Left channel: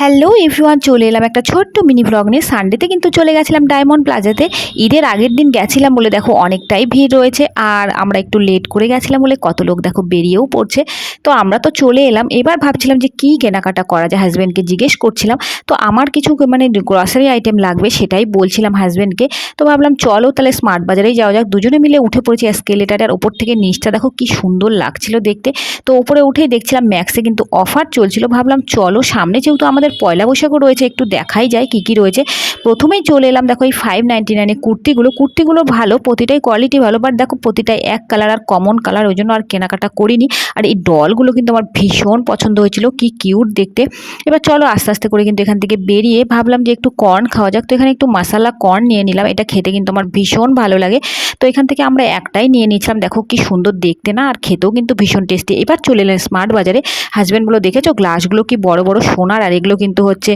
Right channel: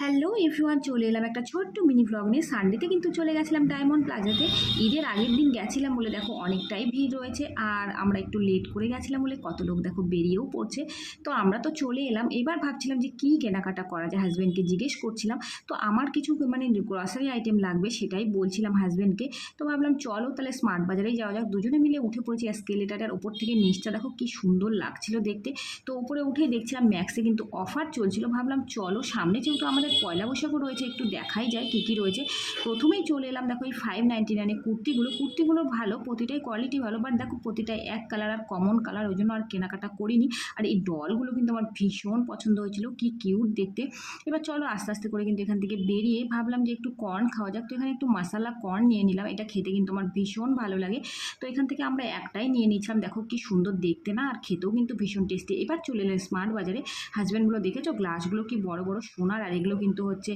Hello everyone, চলে এলাম একটা ছোট্ট মিনি ব্লগ নিয়ে। সানডেতে কিন্তু চলে গেছিলাম ডায়মন্ড প্লাজাতে। ঈদের আগের দিন গেছিলাম বলে দেখো অনেকটাই ভিড় রয়েছে, আর আমরা একটু লেট করে গেছিলাম বলে কত লোক দেখো বেরিয়েও পড়ছে। তো আমরা তো চলে এলাম, এবার ভাবছিলাম যে কী কেনাকাটা করা যায়, হাজব্যান্ডকে জিজ্ঞেস করছিলাম। তো আমার কিছু মানে গ্রসারি আইটেম লাগবে, সেটাই বলছিলাম হাজব্যান্ডকে। তো ভাবলাম চলো তাহলে স্মার্ট বাজারেই যাওয়া যাক। দুজনে মিলে উঠে পড়েছি এসকেলেটার ওপর থেকে, নিচটা দেখো কি সুন্দর লাগছিল দেখতে। তো ওপরে উঠেই দেখছিলাম ম্যাক্সে কিন্তু অফার চলছিল, ভাবলাম চলো সামনে যেহেতু আমাদের পয়লা বৈশাখও রয়েছে একটু দেখাই যায় কি কি রয়েছে। প্রথমেই চলে এলাম দেখো এই 599 কুর্তিগুলো ভালো, প্রতিটাই কোয়ালিটি ভালো, বাট দেখো প্রতিটাই এক কালার আর কমন কালার, ওই জন্য আর কেনাকাটা করিনি। আর এই ডলগুলো কিন্তু আমার ভীষণ পছন্দ হয়েছিল, কি কিউট দেখতে। এবার চলো আস্তে আস্তে করে কিন্তু এখান থেকে বেরিয়ে ভাবলাম যে একটু কর্ন খাওয়া যাক। তো এখানে একটু মশালা কর্ন নিয়ে নিলাম, এটা খেতে কিন্তু আমার ভীষণ ভালো লাগে। তো এখান থেকে আমরা একটাই নিয়ে নিয়েছিলাম, দেখো কি সুন্দর দেখতে না, আর খেতেও কিন্তু ভীষণ টেস্টি। এবার চলে এলাম স্মার্ট বাজারে। হাজব্যান্ডগুলো দেখেছো গ্লাসগুলো কি বড় বড় সোনার, আর এগুলো কিন্তু হচ্ছে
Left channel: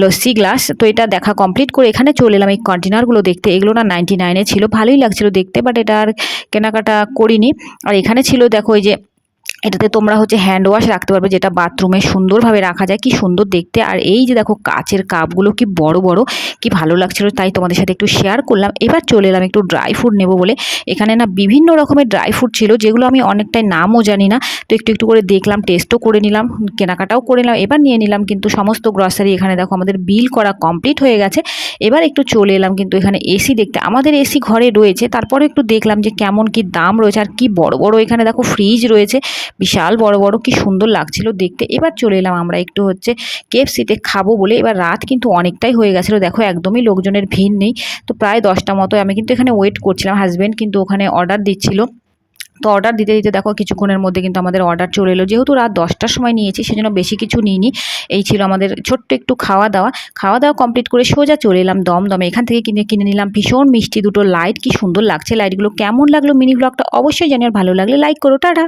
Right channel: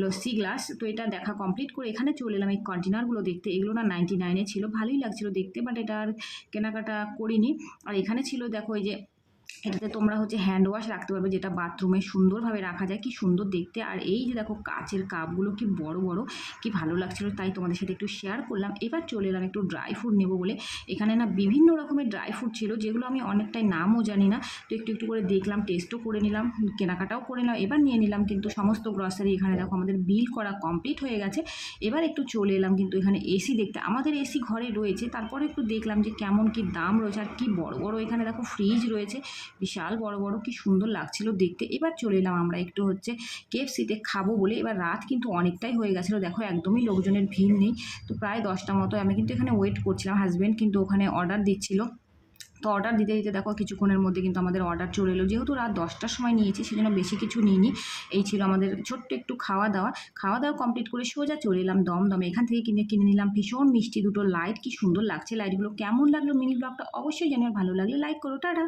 লস্যি গ্লাস। তো এটা দেখা কমপ্লিট করে এখানে চলে এলাম এই কন্টেনারগুলো দেখতে। এগুলো না 99-এ ছিল, ভালোই লাগছিল দেখতে, বাট এটা আর কেনাকাটা করিনি। আর এখানে ছিল দেখো এই যে এটাতে তোমরা হচ্ছে হ্যান্ড ওয়াশ রাখতে পারবে, যেটা বাথরুমে সুন্দরভাবে রাখা যায়, কি সুন্দর দেখতে। আর এই যে দেখো কাচের কাপগুলো কি বড় বড়, কি ভালো লাগছিল, তাই তোমাদের সাথে একটু শেয়ার করলাম। এবার চলে এলাম একটু ড্রাই ফ্রুট নেবো বলে। এখানে না বিভিন্ন রকমের ড্রাই ফ্রুট ছিল, যেগুলো আমি অনেকটাই নামও জানি না। তো একটু একটু করে দেখলাম, টেস্টও করে নিলাম, কেনাকাটাও করে নিলাম। এবার নিয়ে নিলাম কিন্তু সমস্ত গ্রসারি। এখানে দেখো আমাদের বিল করা কমপ্লিট হয়ে গেছে। এবার একটু চলে এলাম কিন্তু এখানে এসি দেখতে। আমাদের এসি ঘরে রয়েছে, তারপরে একটু দেখলাম যে কেমন কি দাম রয়েছে, আর কি বড় বড় এখানে দেখো ফ্রিজ রয়েছে, বিশাল বড় বড়, কি সুন্দর লাগছিল দেখতে। এবার চলে এলাম আমরা একটু হচ্ছে কেএফসিতে খাবো বলে। এবার রাত কিন্তু অনেকটাই হয়ে গেছিলো, দেখো একদমই লোকজনের ভিড় নেই। তো প্রায় 10টা মতো আমি কিন্তু এখানে ওয়েট করছিলাম, হাজব্যান্ড কিন্তু ওখানে অর্ডার দিচ্ছিল। তো অর্ডার দিতে দিতে দেখো কিছুক্ষণের মধ্যে কিন্তু আমাদের অর্ডার চলে এলো। যেহেতু রাত 10টার সময় নিয়েছি, সেজন্য বেশি কিছু নিইনি। এই ছিল আমাদের ছোট্ট একটু খাওয়া দাওয়া। খাওয়া দাওয়া কমপ্লিট করে সোজা চলে এলাম দমদমে। এখান থেকে কিনে নিলাম ভীষণ মিষ্টি দুটো লাইট, কি সুন্দর লাগছে লাইটগুলো। কেমন লাগলো মিনি ব্লগটা অবশ্যই জানিও, ভালো লাগলে লাইক করো, টাটা।